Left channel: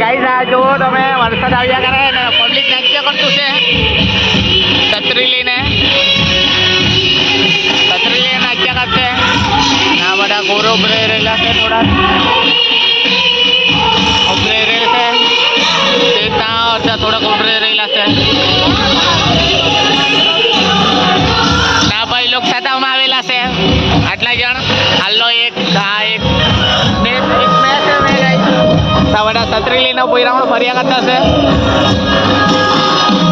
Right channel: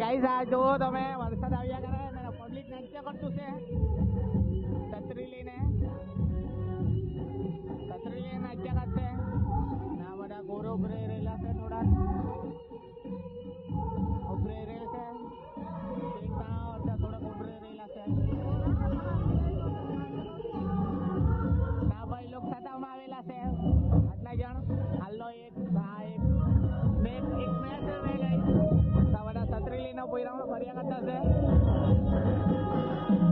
Guys આ જુઓ તમે, વરસાદ આવ્યા કરે પબ્લિક નાટ્ય કરતું છે. છત્રી લઈને. છત્રી કરશે. આ બધા ગોરો ઉભરે રહેલા છે થોડા એક, આ એક. છે. કરતા છે.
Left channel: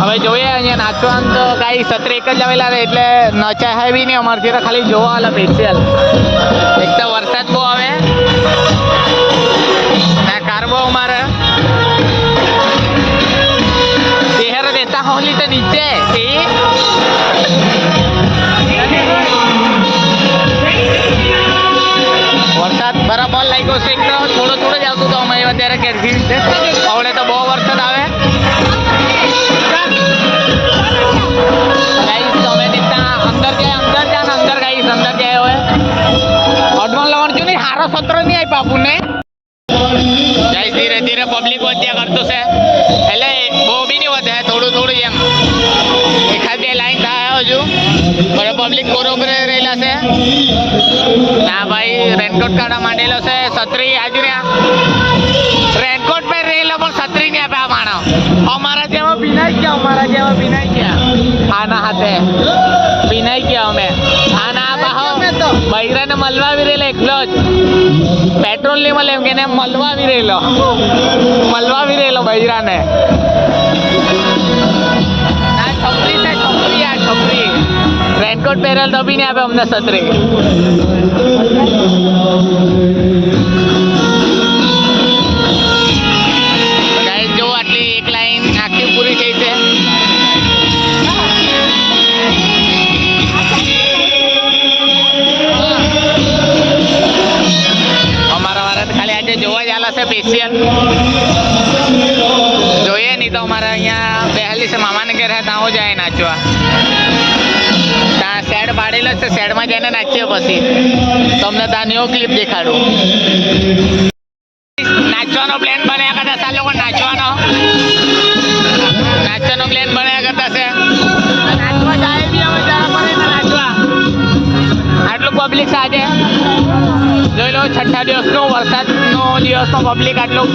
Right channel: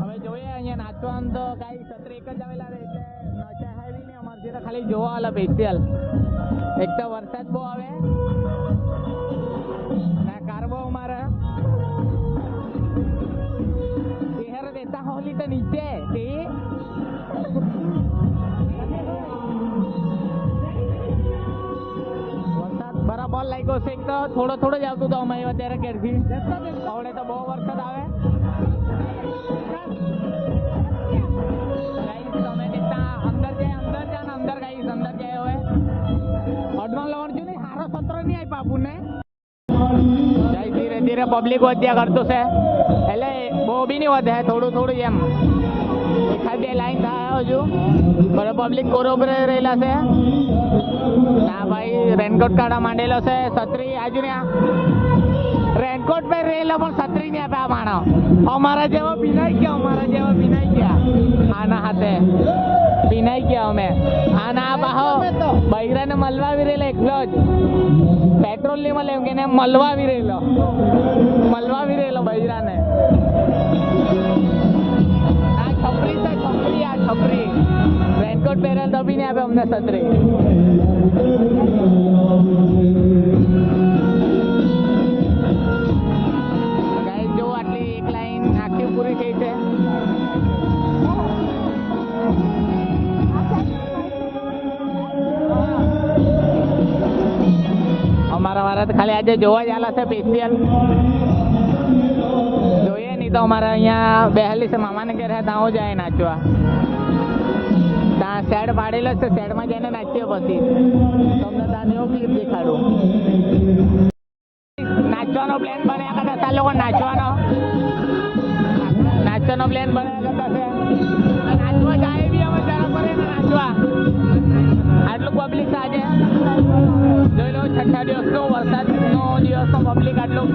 હવે જોઈએ, અહીંયા નાચવાનું તો કાંઈ છત્રી એક જ આવેલા રહે એટલે નચાય બી નહીં અમારથી તો ખાલી જોવા આલે સ્પેશિયલ એક તો વરસાદ બહુ આવે. ને કાર બહુ અમારે શહેર દેતા હોલી તો નીચે અંદર છે હવે તો છું નહીં, હારો સત્ર નહીં આપ્યા આપણને. ગાઈસ, ધીરે ધીરે પબ્લિક વધ્યા કરતું છે. એટલે બહુ બી નહીં વધે, થોડું થોડું એમ. એકાદ બે લાઈન થાય હજુ. પણ પબ્લિક બરોબર રહેલા છે. ના ભાઈ રેનકોટ કાઢવા માંડેલો છે. છત્રી આજુ ને રેનકોટ પર રહેલો પણ છત્રી નહીં આપ્યા માણો. અમારા જેવા પીનાઈ ગયા અમારા જેવા પીનાઈ ગયા. આના હાથે. પીનાઈ ગયા અમે. આના બાહો. બૈરાને મલવા આવી રહેલો એકલો જ. પેટ્રોલ નહીં મળે એમ કે મલવા રહેલો. મલવા આવી રહેલો બૈરાને. આ છપરી છે છપરી આ છપરી રેનકોટ પહેરેલ નહીં આપે અમને છત્રી. તો જોવા જ આલા છે સ્પેશિયલ જોઈએ નહીં તો અમારે અહીંયા બહેલી છે મામાને ઘેર હે ત્યાં જાય નાચવા. ત્યાં શેડ પાડેલો છે શેડમાં જઈને નાચીએ પછી. તમને ત્યાં ન્યૂ ક્લિપ દેખાડું. નાચવાનો પ્લાન બન્યા કરતા આ લોકો નાચવાનો. નાચવાનો પ્લાન બન્યા કરતા છે. નાચવા જાય બી અમે જરા પડે નાચવા. આટલું પબ્લિક સાથે જોઈ લો છઠ્ઠા દિવસનો વરસાદનો દિવસનો પબ્લિક આટલું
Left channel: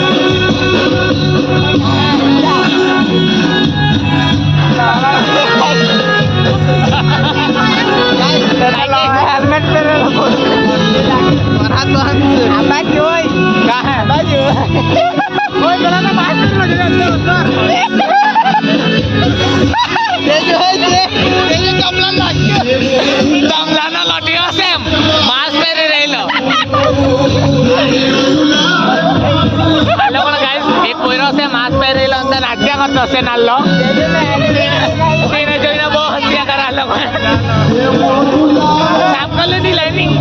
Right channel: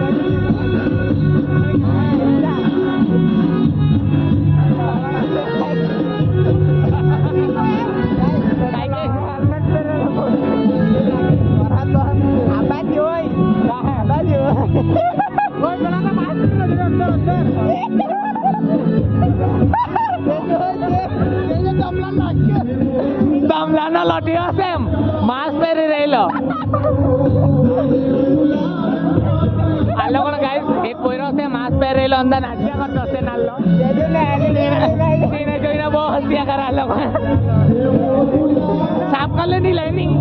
હેલ્મેટ પહેરેલો આ બાજુ હોય કાહે બાજુ ઓય પેલા તો બાજ નીકળો જરા અંદર અંદર તમલાનો લટ્યો છે એમ એને જોઈને બહુ હસ્યા કરે લોકો સાફ કરી લીધી લાઈનિંગ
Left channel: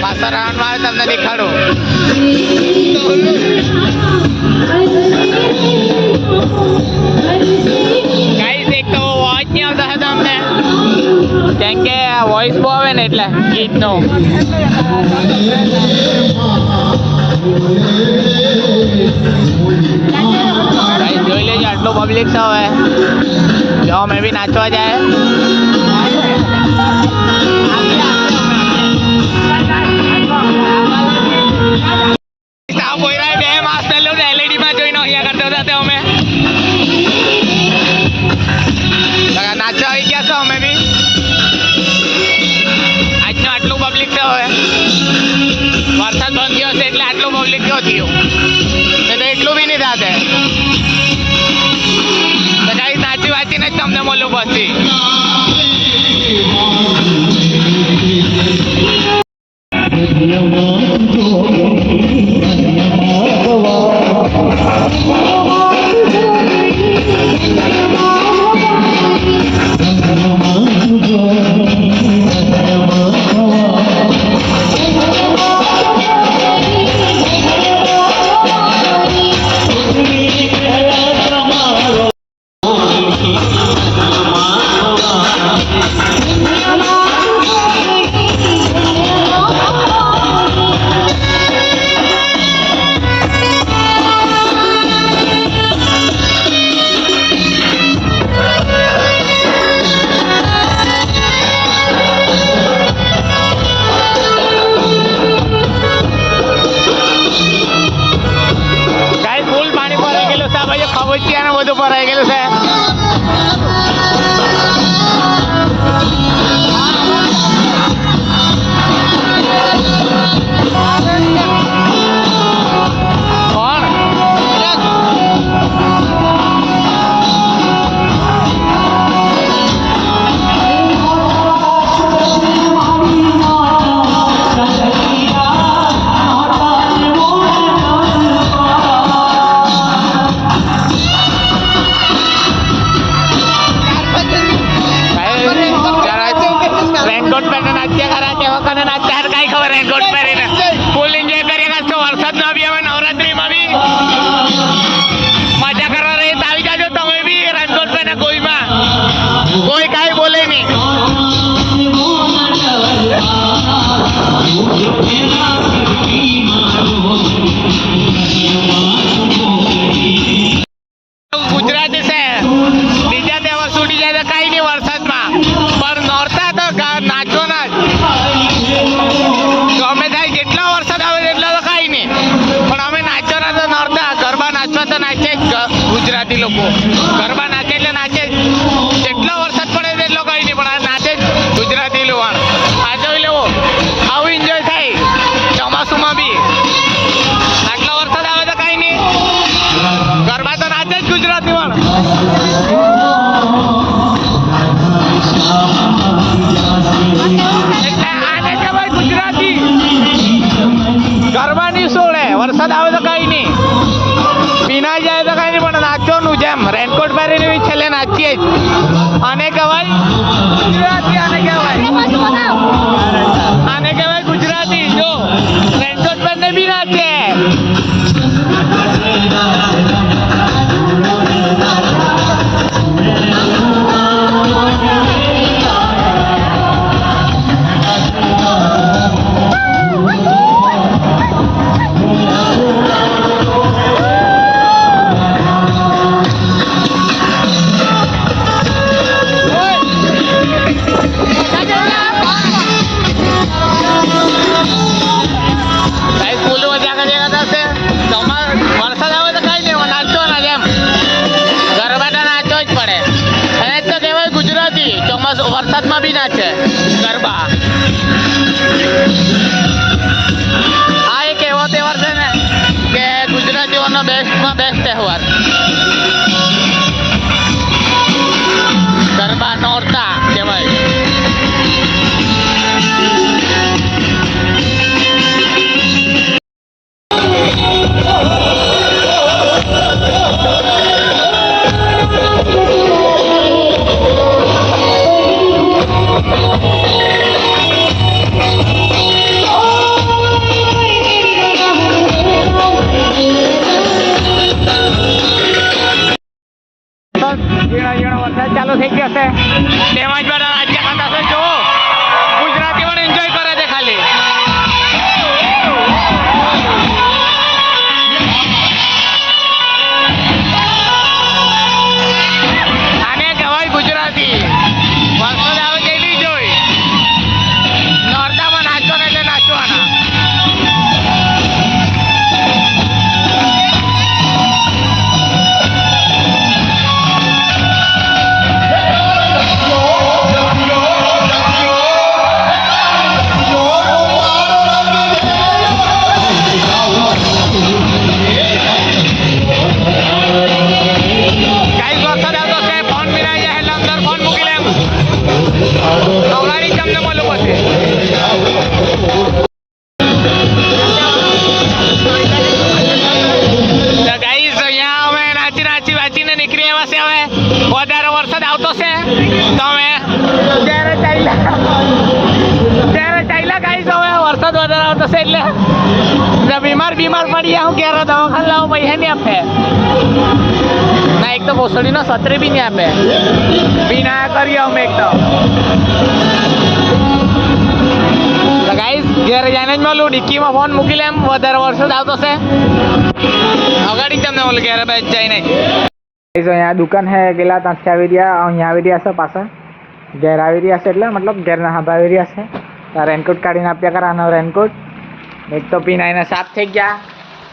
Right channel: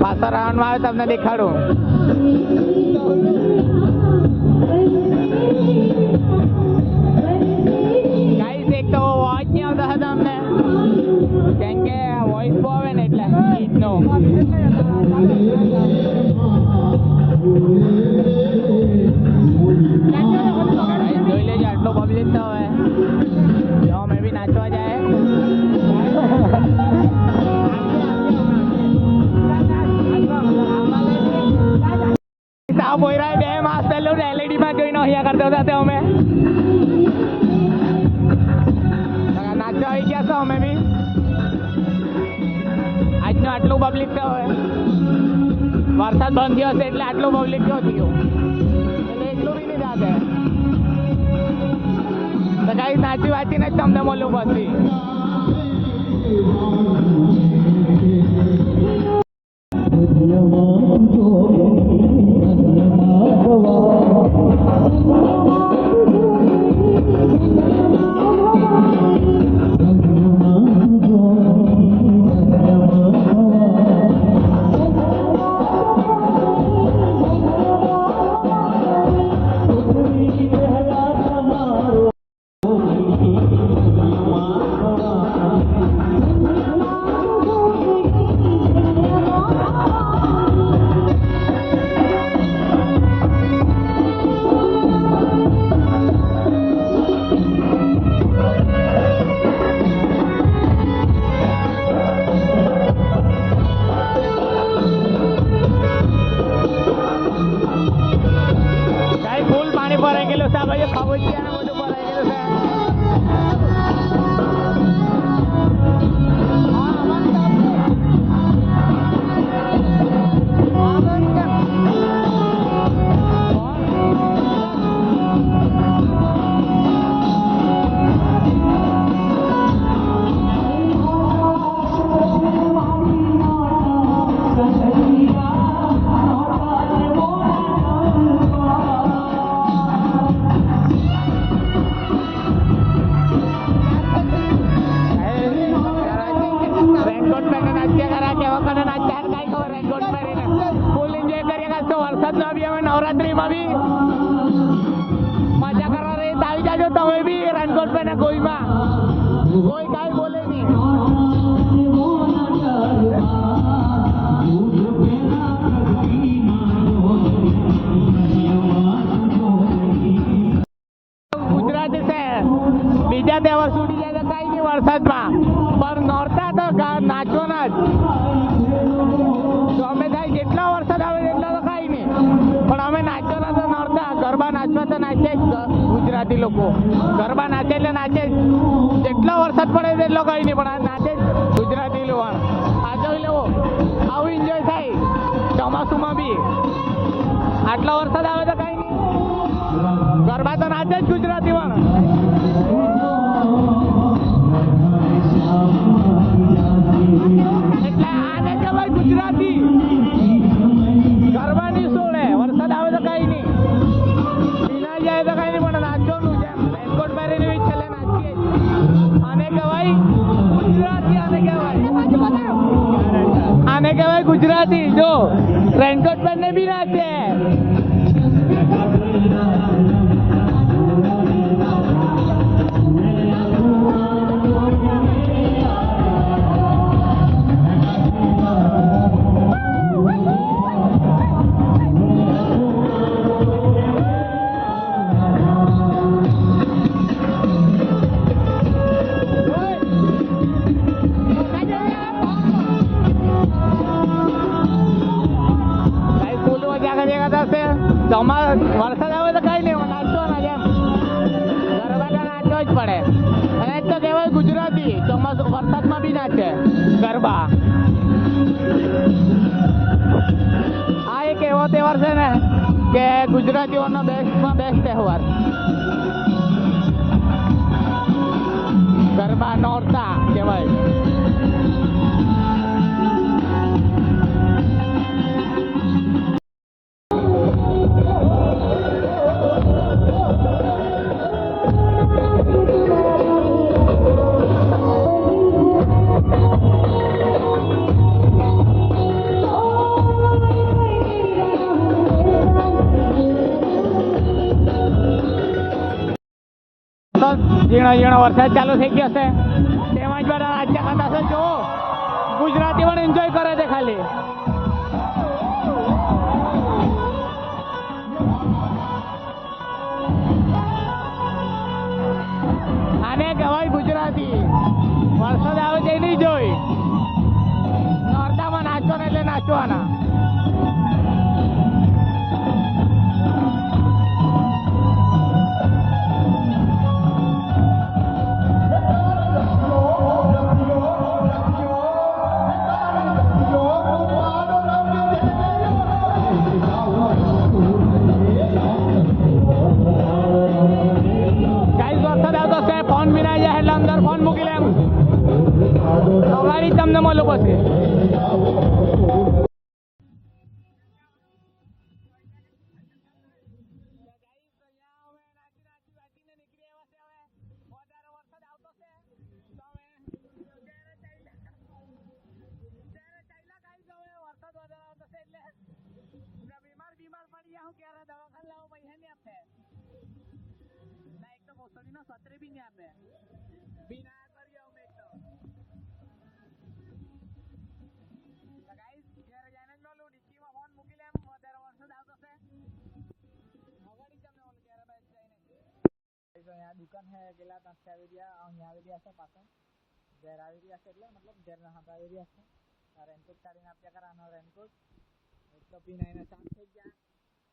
પાછા રાઉન્ડમાં આવે તમને દેખાડું કેમ કે આ વોઇસ બહુ આવે ને એટલે, ગીતનો. જોઈ લેજો, આટલું પબ્લિક છે હવે. જો, અમે બી નાચવા જાય. બે માસ પહેલું એલઈડી માં જોઈને અહીંયા કરતા અમે. નાચવા આવી ગયા છો, અમે પબ્લિક તો વરસાદ બંધ થયો હશે એટલે આટલું પબ્લિક કયો થયું? તો એટલું બી નહીં થાતે. તો કાંઈ સાચી વાંચીને જ તમને મળ્યું પછી બીજા વર્ષ ઉડી જાય કઈ નહીં વરસાદમાં. પણ નોરતા તો નાચો ના જ. અમે થાય જેટલો વરસાદ આવે એટલો તો કઈ નહીં. પણ અમે નાચવાના તો નોરતા, ગરબા નાચવા તો નાચે જ ગુજરાતી લોકો. કે ગુજરાતીઓનો બેસ્ટમાં બેસ્ટ તહેવાર. out there? છે એટલે બીમાર બીમાર પડી હું ક્યારે દવાખાને લાવો પૈસા નહીં આપે? ના, એક તો ભોસડીનો સત્રે બી નહીં આપે. બિના કરીએ અમે એક તો. ગાઈસ ઘેર જઈને જ મળું. ડિક્કીમાં ફોન મૂકી લે એમ. વધારે વરસાદ આવતો છે અગાડી તમને બોલું ઘેર બેસ જાય નહીં અહીંયા દુકાન હે ગયેલા ત્યાંથી આવી રહ્યા, અહીંયા આવી રહ્યા છે પાછા ઘેર આવી રહ્યા છે એટલે મતલબ ઘેરના હાથ આવી રહ્યા છે. રેનકોટ કાઢીને આપ્યા કરાનો રેનકોટ એક તો પીનાઈને સાફ થઈ ગયા.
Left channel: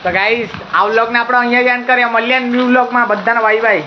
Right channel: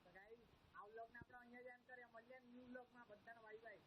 તો ગાઈસ આ વ્લોગને આપણે અહીંયા જ એન્ડ કરીએ. મળીએ ન્યૂ વ્લોગમાં બધાને બાય બાય